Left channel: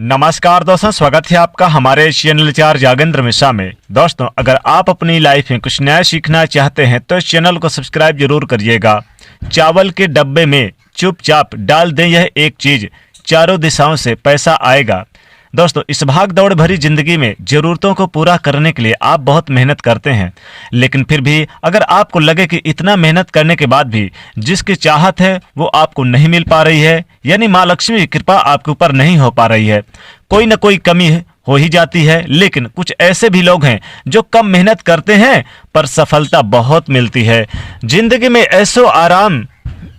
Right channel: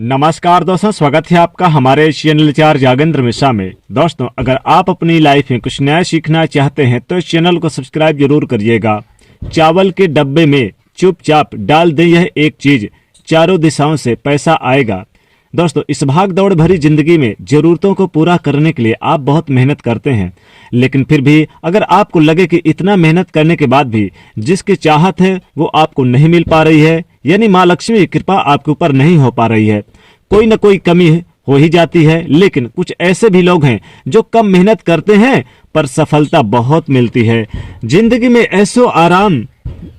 नमस्कार दोस्तों, स्वागत है आपका हमारे चैनल चार जागेंद्र मिश्रा में। दोस्तों, अगर आप अपनी लाइफ में कुछ नया सीखना चाहते हैं तो इस चैनल को सब्सक्राइब जरूर करिएगा। चावल के डब्बे में चुपचाप डाल दें यह एक चीज, चारों दिशाओं से पैसा आएगा। दोस्तों, इस भाग दौड़ भरी जिंदगी में जरूरतों को पूरा करने के लिए आप बहुत मेहनत करते हैं, लेकिन फिर भी अगर आपको लगे कि इतना मेहनत करने के बाद भी जिसकी चाहत है वो आपको नहीं मिल पा रही है, यानी माँ लक्ष्मी की कृपा आपके ऊपर नहीं हो पा रही है, कोई ना कोई कमी हो ही जाती है। लेकिन कुछ ऐसे भी लोग हैं जो कम मेहनत करते हैं पर सफलता बहुत मिलती है। जिंदगी में ऐशो आराम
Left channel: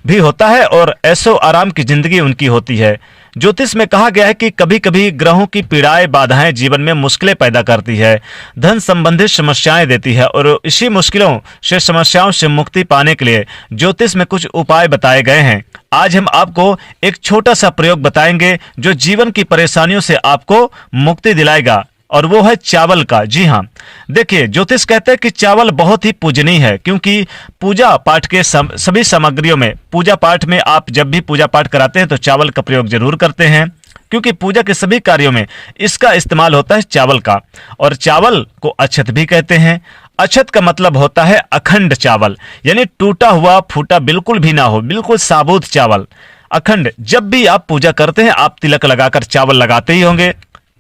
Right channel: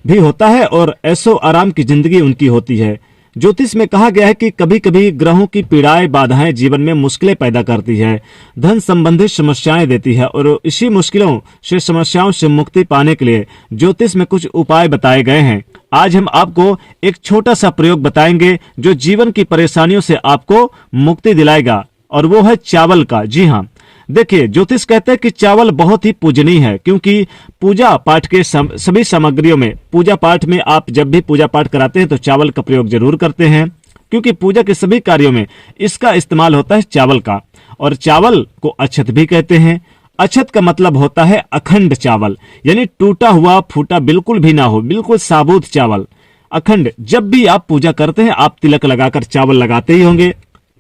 भी होता है और ऐशो आराम की जिंदगी उनकी होती है। ज्योतिष में कहा गया है कि कभी कभी ग्रहों की पीड़ाएं बाधाएं जीवन में मुश्किलें पैदा करती है, धन संबंधित समस्याएं देती है, और इसी मुश्किलों से समस्याओं से मुक्ति पाने के लिए ज्योतिष में कुछ उपाय बताए गए हैं। आज हम आपको एक छोटा सा प्रयोग बताएंगे जो जीवन की परेशानियों से आपको मुक्ति दिलाएगा, और वो है चावल का। जी हाँ, देखिए, ज्योतिष कहते हैं कि चावल बहुत ही पूजनीय है, क्योंकि पूजा पाठ के सभी सामग्रियों में, पूजा पाठ में आप जब भी पूजा पाठ कराते हैं तो चावल का प्रयोग जरूर करते हैं, क्योंकि पूजा के सभी कार्यों में इसका इस्तेमाल होता है चावल का। और चावल को अक्षत भी कहते हैं। अक्षत का मतलब होता है अखंड चावल, यानी टूटा हुआ फूटा बिल्कुल भी ना हो, बिल्कुल साबुत चावल, अखंड। जब भी आप पूजा करते हैं आप तिलक लगाकर चावल लगाते ही होंगे,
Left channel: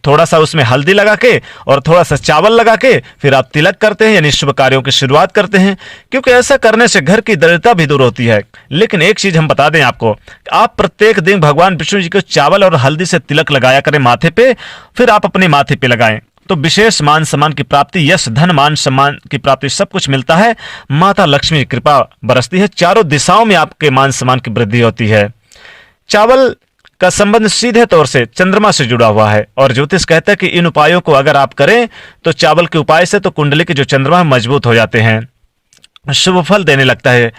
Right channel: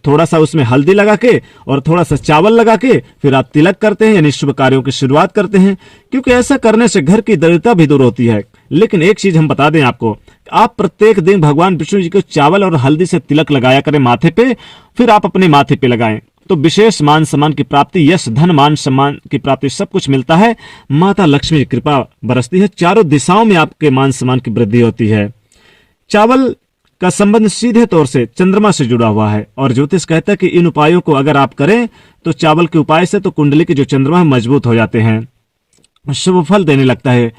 थोड़ा सा उसमें हल्दी लगा के और थोड़ा सा चावल लगा के फिर आप तिलक करते हैं, यानी शुभ कार्यों की शुरुआत करते हैं, क्योंकि ऐसा करने से घर की दरिद्रता भी दूर होती है। लेकिन एक चीज हम बता दें आपको, आप प्रत्येक दिन भगवान विष्णु जी को चावल और हल्दी से तिलक लगाया करें माथे पे, फिर आप अपने माथे पे लगाएं तो विशेष मान सम्मान की प्राप्ति, यश धन मान सम्मान की प्राप्ति, सब कुछ मिलता है। माता लक्ष्मी की कृपा बरसती है, चारों दिशाओं में आपके मान सम्मान की वृद्धि होती है। चावल का संबंध सीधे तौर से चंद्रमा से जुड़ा हुआ है, और ज्योतिष कहता है कि इन उपायों को अगर आप करें तो चावल के उपाय से तो कुंडली के जो चंद्रमा मजबूत हो जाते हैं, शुभ फल देने लगता है।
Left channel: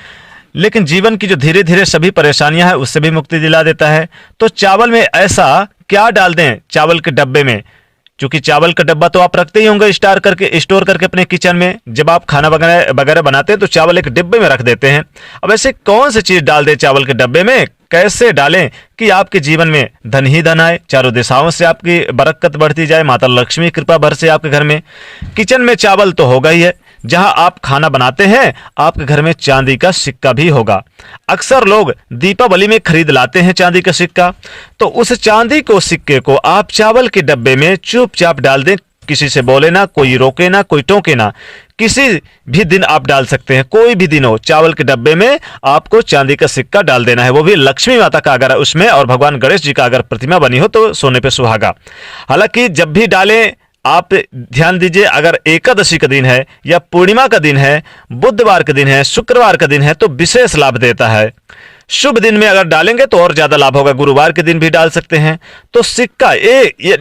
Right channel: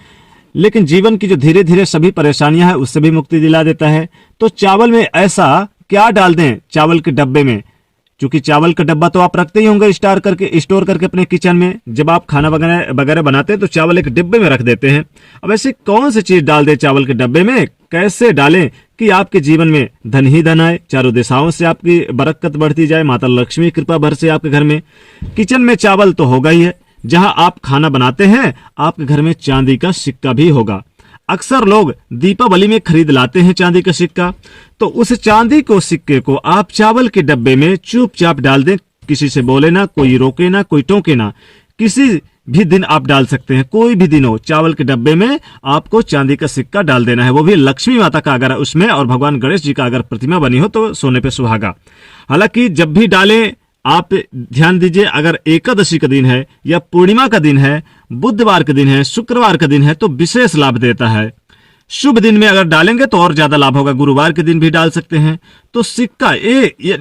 लेकिन जीवन की जो धीरे धीरे सभी परेशानियां हैं उससे भी मुक्ति दिला देता है। तो चावल में ऐसा क्या डाल दें चावल के डब्बे में, क्योंकि चावल का डब्बा तो आप रखते ही होंगे स्टोर करके अपने किचन में। जब आप खाना वगैरह बनाते हैं तो चावल एक डिब्बे में रख देते हैं। अब ऐसे कौन सी चीज डाल दे चावल के डब्बे में, कैसे डालें कि आपके जीवन में धन ही धन आए, चारों दिशाओं से आपकी बरकत बढ़ती जाए, माता लक्ष्मी कृपा बरसे आपके घर में। किचन में चावल तो होगा ही है, जहां आप खाना बनाते हैं आपके घर में चांदी का सिक्का भी होगा। अक्सर लोग दीपावली में खरीद लाते हैं चांदी का सिक्का, तो उस चांदी को सिक्के को आप चावल के डब्बे में चुपचाप डाल दें। किसी से बोले ना, कोई रोके ना, कोई टोके ना, किसी भी दिन आप डाल सकते हैं, कोई भी दिन हो, चावल के डब्बे में आपको चांदी का सिक्का डाल देना है, वो भी लक्ष्मी माता का अगर उसमें और भगवान गणेश जी का अगर प्रतिमा बनी हो तो सोने पे सुहागा। हालांकि जब भी डालें आप ध्यान दीजिए, अगर एकादशी का दिन है या पूर्णिमा का दिन है, बुधवार का दिन है, शुक्रवार का दिन है तो विशेष लाभ देता है। शुभ दिन में अगर डालेंगे तो और ज्यादा लाभ होगा, गुरुवार के दिन भी डाल सकते हैं। तो सिक्का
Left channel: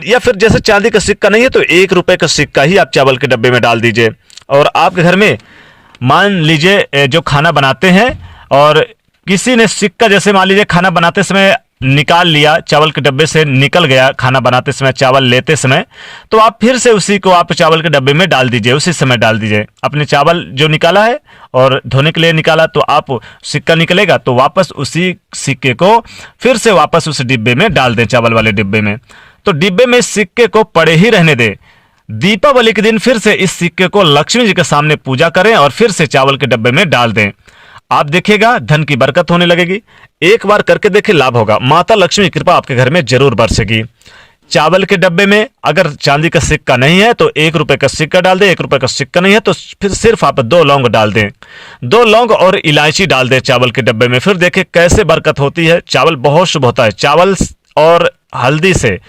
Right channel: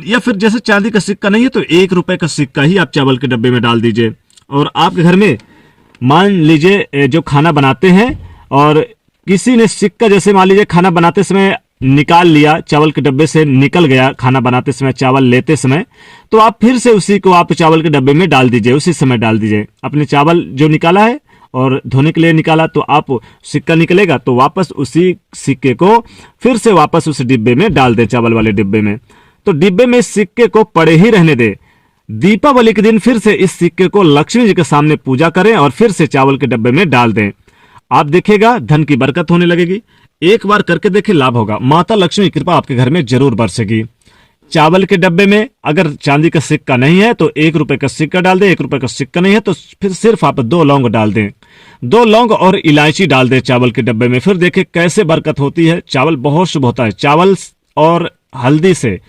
या फिर जैसे चांदी का सिक्का नहीं है तो 1 रुपए का सिक्का ही आप चावल के डब्बे में डाल दीजिए। और आपके घर में मान लीजिए जो खाना बनाते हैं और किसी ने सिक्का, जैसे मान लीजिए खाना बनाते समय निकाल लिया, चावल के डब्बे से निकल गया खाना बनाते समय, चावल लेते समय, तो आप फिर से उसी को आप चावल के डब्बे में डाल दीजिए, उसी समय डाल दीजिए। अपने चावल जो निकाला है और धोने के लिए निकाला तो आप सिक्का निकलेगा तो वापस उसी सिक्के को फिर से वापस उस डिब्बे में डाल दें, चावल वाले डिब्बे में। तो डिब्बे में सिक्के को पड़े ही रहने दें। दीपावली के दिन फिर से इस सिक्के को लक्ष्मी जी के सामने पूजा करें और फिर से चावल के डब्बे में डाल दें। आप देखिएगा धन की बरकत होने लगेगी। एक बार करके देखिए, लाभ होगा, माता लक्ष्मी की कृपा आपके घर में जरूर बरसेगी। चावल के डब्बे में अगर चांदी का सिक्का नहीं है तो 1 रुपए का सिक्का डाल दें, 1 रुपए का सिक्का नहीं है तो फिर सिर्फ आप 2 लौंग डाल दें, 2 लौंग और इलायची डाल दें चावल के डब्बे में। फिर देखिए कैसे बरकत होती है। चावल बहुत शुभ होता है। चावल और हल्दी से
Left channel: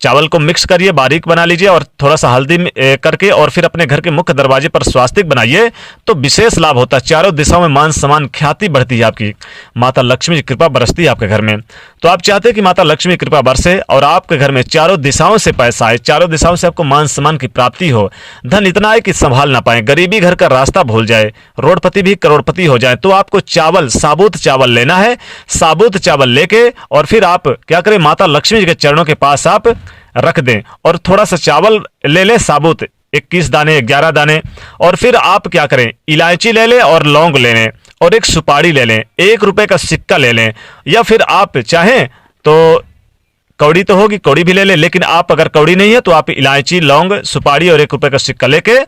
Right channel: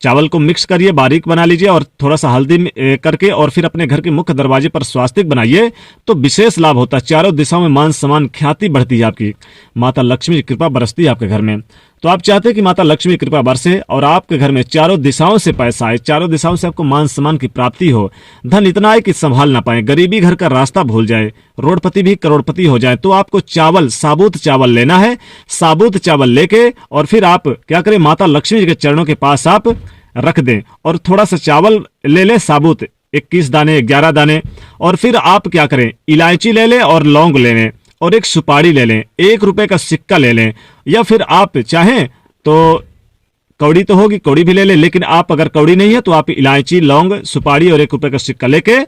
चावल को मिक्स करिए, बारीक बना लीजिए और थोड़ा सा हल्दी करके और फिर अपने घर के मुख्य दरवाजे पर स्वास्तिक बनाइए तो विशेष लाभ होता है। चारों दिशाओं में मान सम्मान ख्याति बढ़ती है, आपकी माता लक्ष्मी की कृपा बरसती है आपके घर में। तो आप चाहते हैं कि माता लक्ष्मी की कृपा बरसे और आपके घर में चारों दिशाओं से पैसा आए, चारों दिशाओं से आपको मान सम्मान की प्राप्ति हो, धन इतना है कि संभाल ना पाए, गरीबी घर का रास्ता भूल जाए, रोडपति भी करोड़पति हो जाए, तो आपको चावल, साबुत चावल लेना है। साबुत चावल लेके और फिर आप क्या करें, माता लक्ष्मी जी के चरणों के पास आप रख दें और थोड़ा सा चावल ले लें साबुत, 21 दाने 11 दाने, और फिर आप क्या करें, इलायची ले लें और लौंग ले लें और एक सुपारी ले लें, 1 रुपए का सिक्का ले लें, या फिर आप चाहें तो कौड़ी तो होगी, कौड़ी भी ले ले, लेकिन आप अगर कौड़ी नहीं है तो आप इलायची, लौंग, सुपारी और 1 रुपए का सिक्का लेके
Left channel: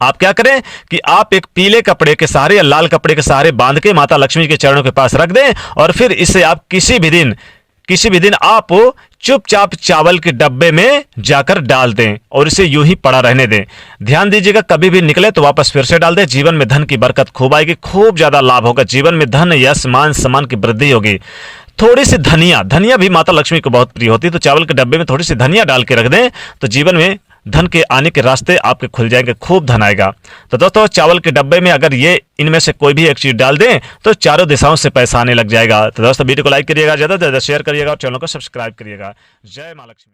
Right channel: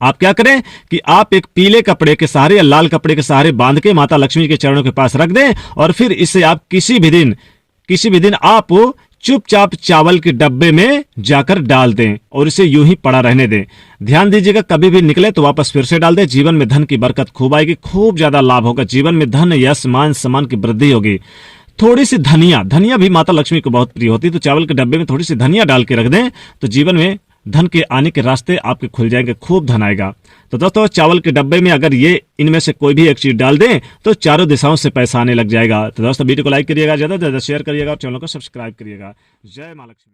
आप क्या करें कि आप एक पीले कपड़े के सहारे या लाल कपड़े के सहारे बांध के माता लक्ष्मी के चरणों के पास रख दें, और फिर इसे आप किसी भी दिन आप चुपचाप चावल के डब्बे में जाकर डाल दें और इसे यूं ही पड़ा रहने दें। ध्यान दीजिएगा, कभी भी निकले तो वापस फिर से डाल दें। जीवन में धन की बरकत खूब आएगी, खूब ज्यादा लाभ होगा। जीवन में धन, यश, मान सम्मान की वृद्धि होगी। थोड़ी सी धनिया भी माता लक्ष्मी को बहुत प्रिय होती है, तो चावल के डब्बे में थोड़ी सी धनिया डाल के रख दें तो जीवन में धन के आने के रास्ते आपके खुल जाएंगे, खूब धन आएगा। तो दोस्तों, चावल के डब्बे में अगर ये इनमें से कोई भी एक चीज डाल दें तो चारों दिशाओं से पैसा आने लग जाएगा। तो दोस्तों, वीडियो को लाइक करिएगा, ज्यादा से ज्यादा शेयर करिएगा और चैनल को सब्सक्राइब करिएगा। जय मां लक्ष्मी।